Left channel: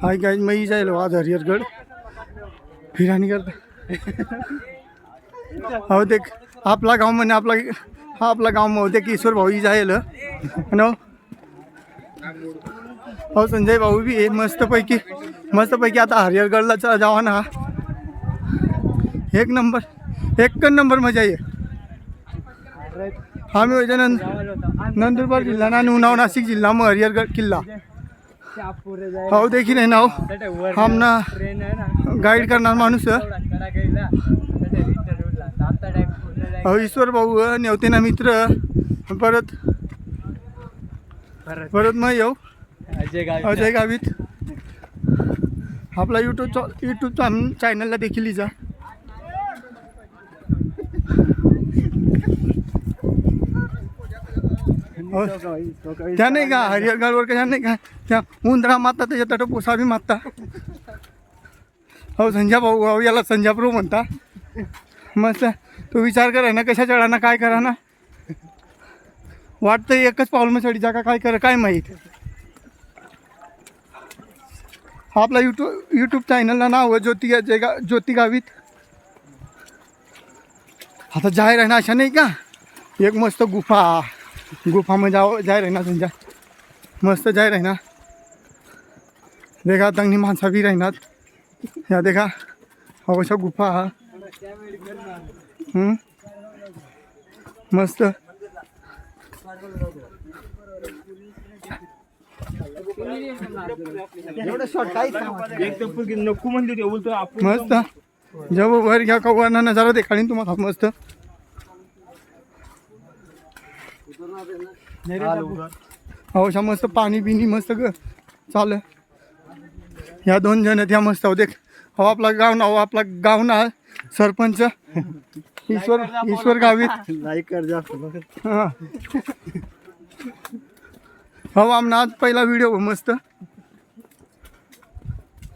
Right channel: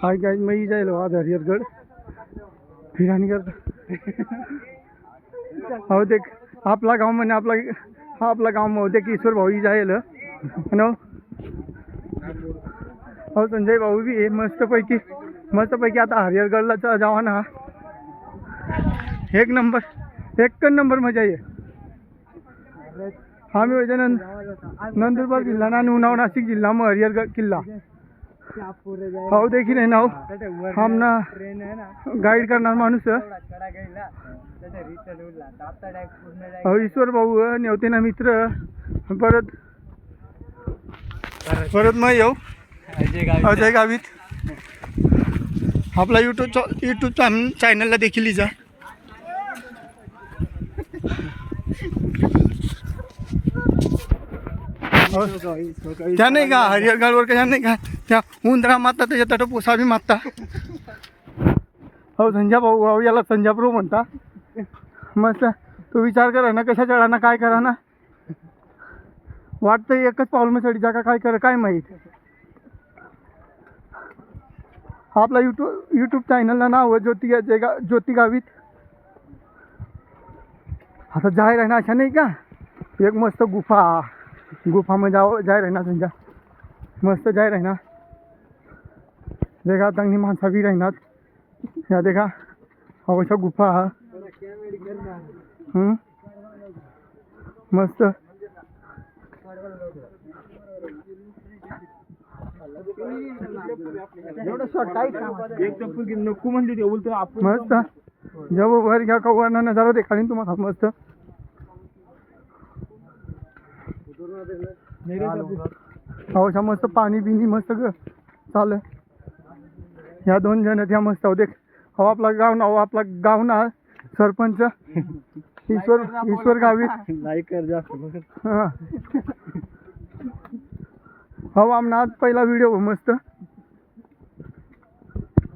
hi guys मैं ही जाइल आज हरिहरगढ़ फिरानी करता हो देख आपला गाव म्हणे आपला गाव मध्ये देख ईश्वर भाऊ ही जाइल नो हो संजय भाऊ भी आहे मस्तपैकी आता हरिहरगढ़ला जावा ना एक नंबर मजा आहे आम्ही होते नंदुरबार जिल्हा आणि उन्हाव नाशिक जिल्हा मग हरिहरगढ़ किल्ला हो देखील आहे ना हम ना गाईड करणार माणूस हो ईश्वर भाऊ नेवते ना मित्र परत मग येऊ अजय गावित आपला यूट्यूब चॅनलला देखील जा त्या नाही का हरिहरगढ़वर कशा नाही का त्या उंदरा मारता त्याच्या तट पोसा बी मारता हो संजय भाऊ याला संजय प्रो म्हणता मस्त तू विचार करा ना कशा चढा ना काय करा ना वाटतं एकच पाऊल मग चढी जा का काय करा काय माहीत आपला यूट्यूब चॅनलला नाव आहे ज्योती गावित आता जाहीर आहे ना अशा नाही का एक मस्त गुफा में जाय रहना संजय मस्त जाय रहना देखा तंगनी माणसा भी रहना या देखा अवश्य गुफा मस्त मस्त जब वर घ्या का वरना नजारा देखाडीन तुम्हाला मस्त अवश्य मस्त पाणी बिनी मस्त चाल ह्या दोन जण त्या मस्त हो देख हो आपला गाव ना सरपंच ईश्वर गावित लाईक कर जा हो आमना आज पहिला व्हिडिओ मस्त